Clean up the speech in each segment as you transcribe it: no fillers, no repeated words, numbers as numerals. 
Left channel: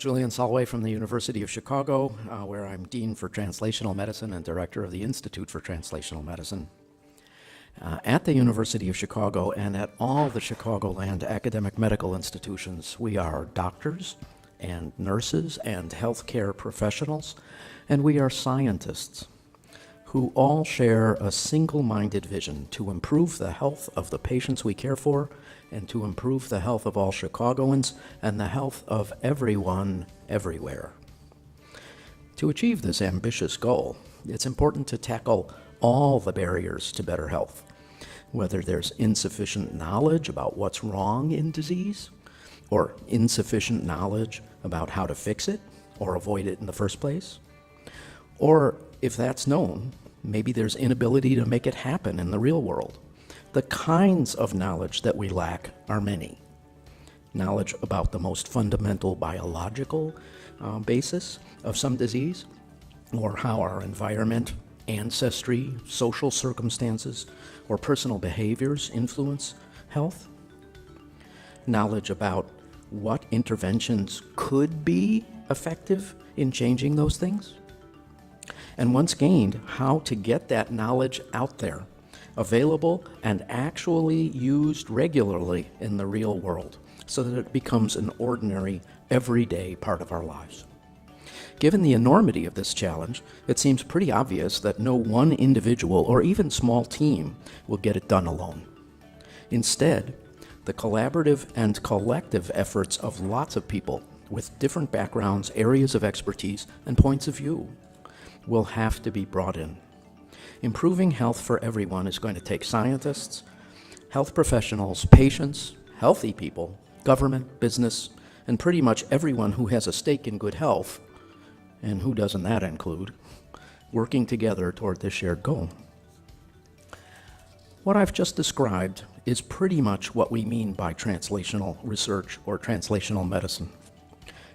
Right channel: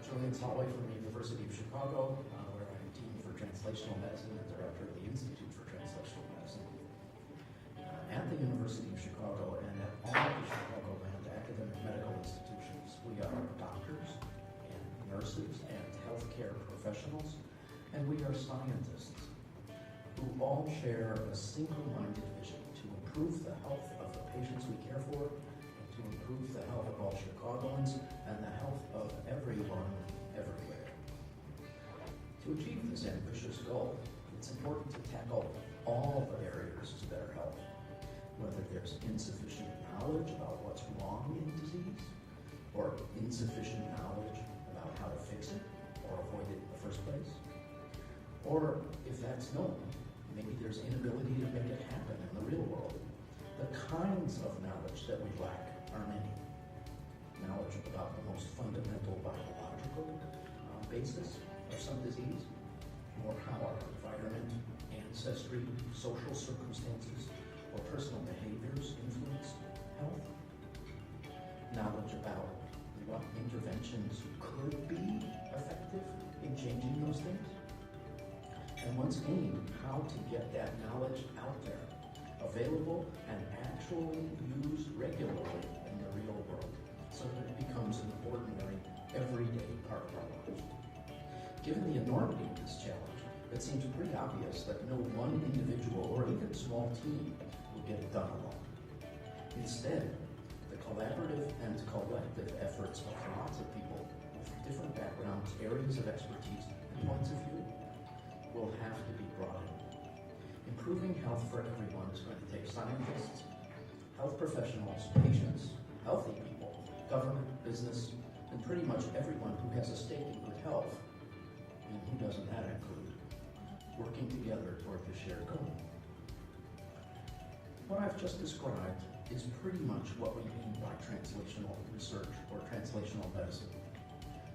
Julian Solway from the University of Chicago, where I'm Dean for Translational Medicine and Director of the Institute for Translational Medicine. At the University of Chicago and at all the Chicagoland academic medical institutions, we are doctors and nurses and healthcare professionals, and we are scientists who all share a single-minded vision to improve the health of the patients we care for and to improve the health of all Chicagoans and the health of everyone, everywhere. To achieve this ambitious goal, it's important to tackle all the barriers to better health, whether there's insufficient knowledge about what's wrong in disease, or insufficient knowledge about how to fix it or avoid it in the first place, or if that's known, maybe there's inability to make it happen in the real world. The kinds of knowledge that we lack are many. Knowledge about the most fundamental biological basis of some disease, or how our environment, ancestry, social circumstances, or personal behaviors influence health. Knowledge about what interventions could be effective in changing those things. And once gained, how to get that knowledge out there, available and actually used regularly in the real world so that it becomes an ordinary, everyday part of our lives. Given the enormity of this challenge, it seems pretty obvious that no one individual or even small team will get it done alone. Instead, the collaborative and collective efforts of lots of people with different backgrounds, areas of expertise, and points of view will have to be brought in. Improving health for everyone is going to take scientists, health professionals, patients, healthy people, government, business, and pretty much everyone who has a stake in good health, and who doesn't that include, working together toward this shared goal. What I've just described is pretty much what we mean by translational research or translational medicine.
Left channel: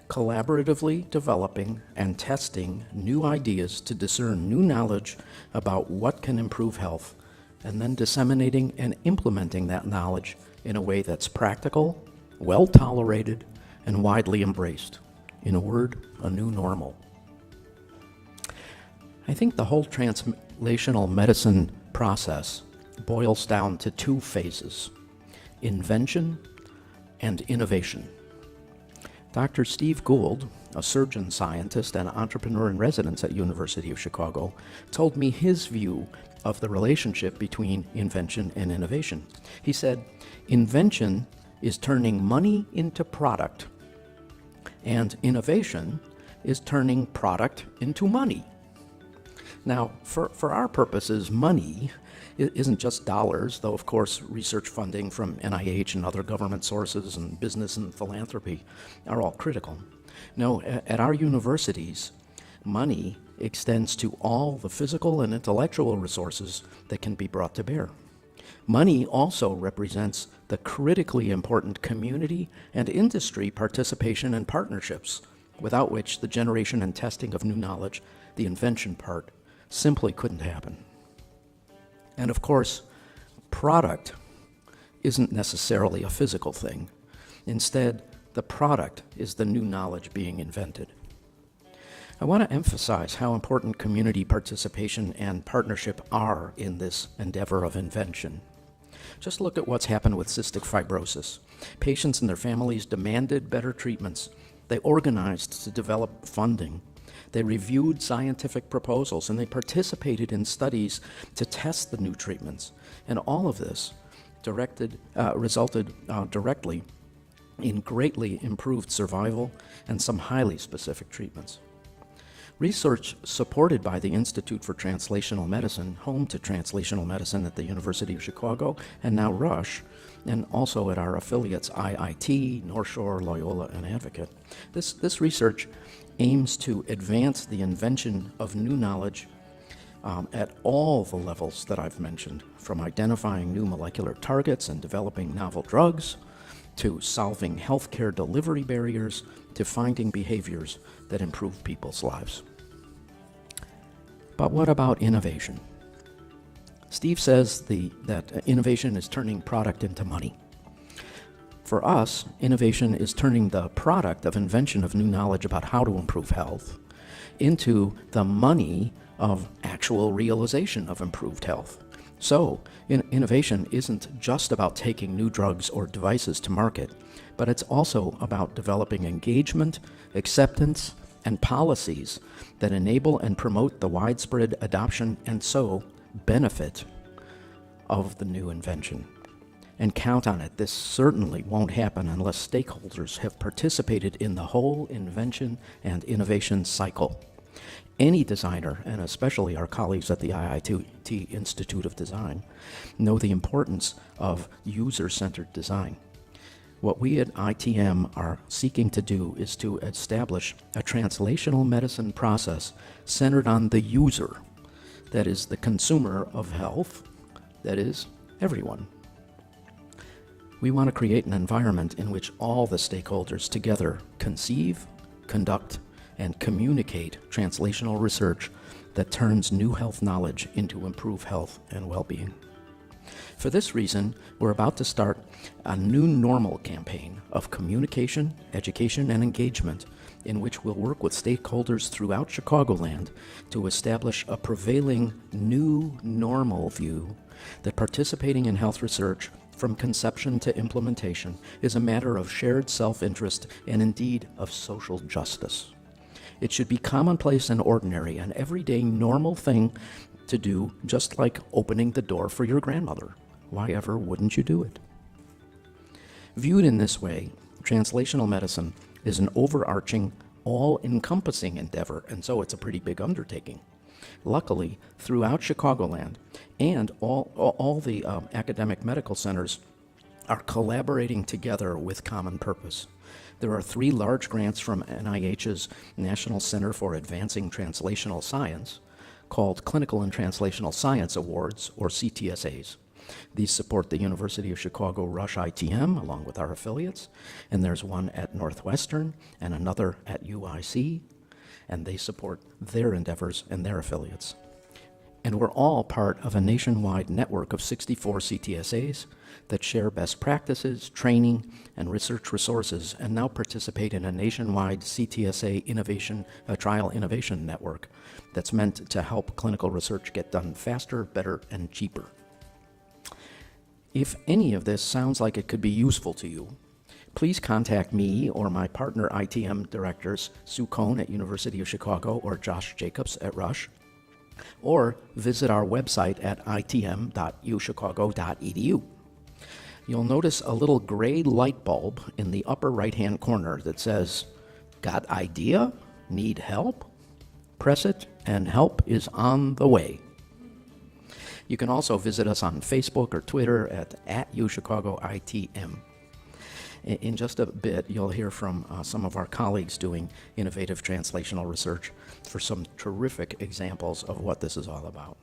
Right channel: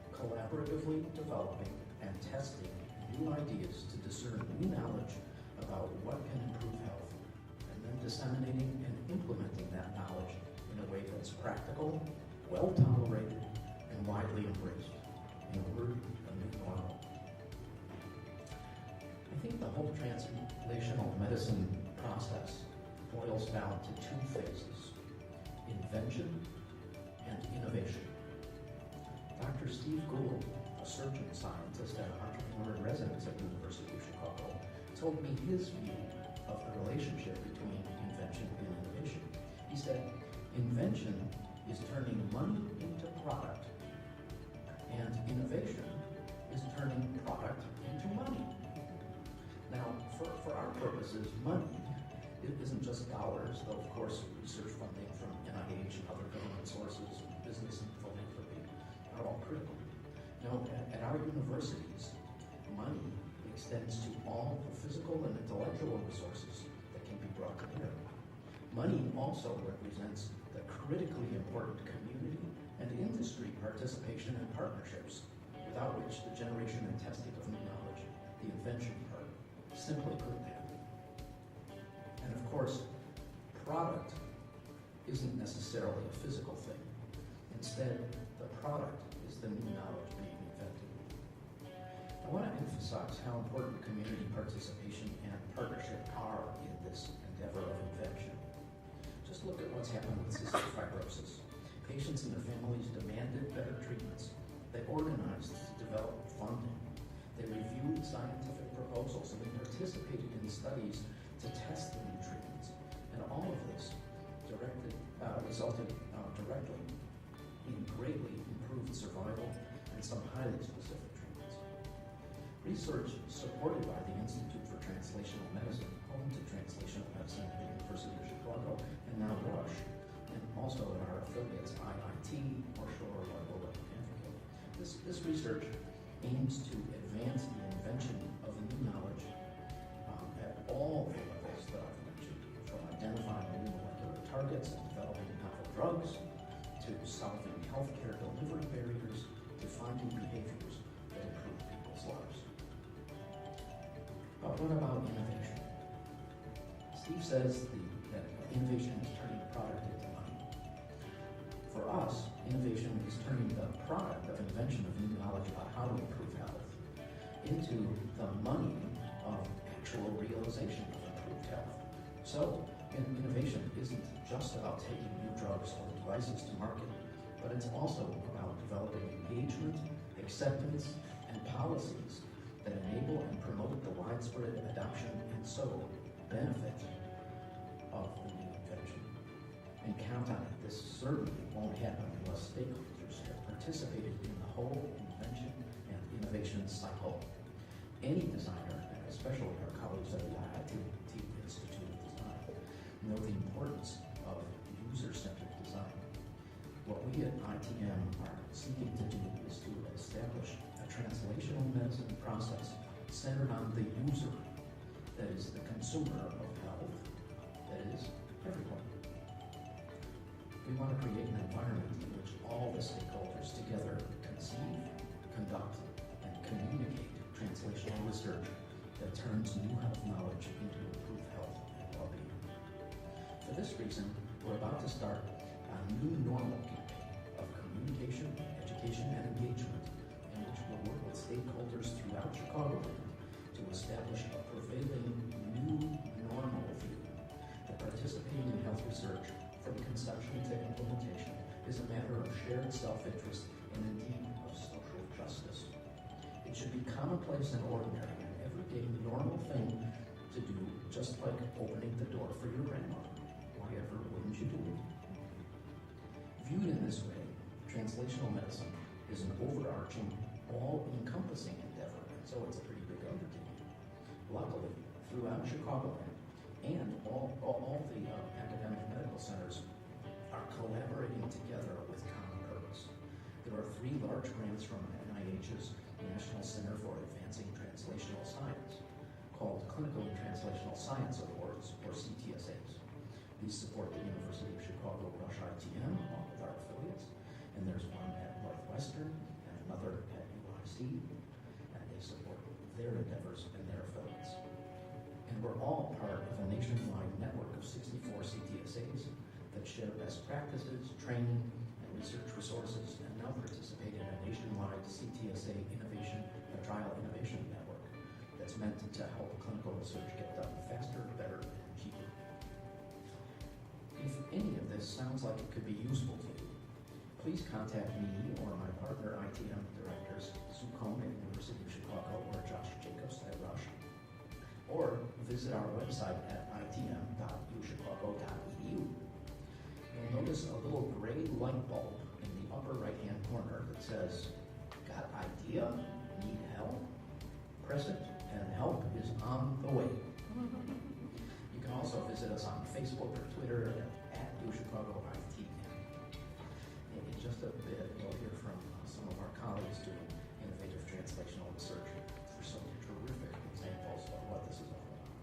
Collaboratively developing and testing new ideas to discern new knowledge about what can improve health, and then disseminating and implementing that knowledge in a way that's practical, well tolerated, and widely embraced. In a word, a new normal. I think the whole translational medicine process boils down to two phases: invention and innovation. Dr. Steve Gould, a surgeon scientist and entrepreneur in residence at University of Chicago, told me his view of the relationship between invention and innovation. He said, invention is turning money into product, and innovation is turning product into money. Now, for our purposes, money isn't just dollars, though of course research funding from NIH and other government sources and business and philanthropy are all critical. No, at our universities, money extends to all the physical and intellectual resources that can be brought to bear. Money also represents the critically important community and industry participation and partnerships, without which the generation and testing of new knowledge, the invention part, simply couldn't happen. And of course, product isn't necessarily a physical thing. Instead, the product is the new knowledge being invented. I want to emphasize how important community participation and partnership are in this endeavor of invention. Just look at what's happened with cystic fibrosis. Patients and their families demanded better treatments. They organized to develop funding. They reviewed scientific proposals, and they participated in studies to test the new treatments. And all of this resulted directly in greatly improved survival and some highly specific treatments. Research supported by the Institute for Translational Medicine, home to translational medicine at the University of Chicago, and now Rush, and also at our affiliates IIT, North Shore, Loyola, and Advocate. This research aims to advance the invention of new knowledge at all the levels that I've mentioned, from identifying new molecular targets and developing novel drugs, to solving healthcare delivery barriers, to finding behaviors that improve people's lives. But what about innovation? Steve says that innovation is turning product into money. For us, innovation is turning the product of invention of new knowledge about how to improve health into the money of actual realization of improved health. So, innovation isn't just about taking new drugs or devices to market, but it's also about developing engagement, acceptance, and policies that enable and promote the widespread adoption and so benefit of the new invention. And count on it, this certainly won't happen unless stakeholders have participated in the whole invention and innovation cycle. Any designer, and especially our colleagues at the IIT Institute of Design, know the importance of user-centered design. What we at ITM are seeking to do is to establish a translational medicine process centered on the user, that is the consumer of health, that is everyone. We want to create an environment in which all the stakeholders together conceive, conduct, and communicate translational research that turns new health knowledge into improved health and well-being. For this reason, we're about to start a new normal campaign of communication, education, and engagement in which we'll work with stakeholders throughout Chicagoland to establish a prevailing new normal view that participating in health research from conception to implementation is a matter of shared self-interest and indeed of social justice. It should be commonplace and ordinary, an everyday normal thing to do, just like opening the door for your grandmother. Why ever wouldn't you do it? Viewed in this way, translational medicine is an overarching, all-encompassing endeavor, and so it's a pretty big undertaking. Luckily, throughout Chicagoland, and all the academic medical centers are collaborating together with common purpose. There are 3 large grants from NIH's National Center for Advancing Translational Science, called Clinical and Translational Science Awards, or CTSAs. These support the University of Chicago Rush ITM, along with our affiliates, and there's one at Northwestern and another at UIC, and they support their endeavors and their affiliates. And we're all part of a nationwide network of 64 CTSAs that share best practices, training, and research resources, and now participate in a nationwide CTSA trial innovation network that's meant to help clinical research get done faster, better, and cheaper. If any of this sounds like it could be useful to you, please contact me or my partner ITM directors, Sue Cohn at University of Chicago or Josh Jacobs at Rush, or visit our website at itm.uchicago.edu. You'll notice a little gray light bulb in the upper right-hand corner that says, "Got idea? Need help?" Press it, and help is on the way. You can also visit us on Facebook or Twitter at UChicagoITM. In just a bit, you'll hear from some of our colleagues doing innovative translational research for some terrific examples of what this is all about.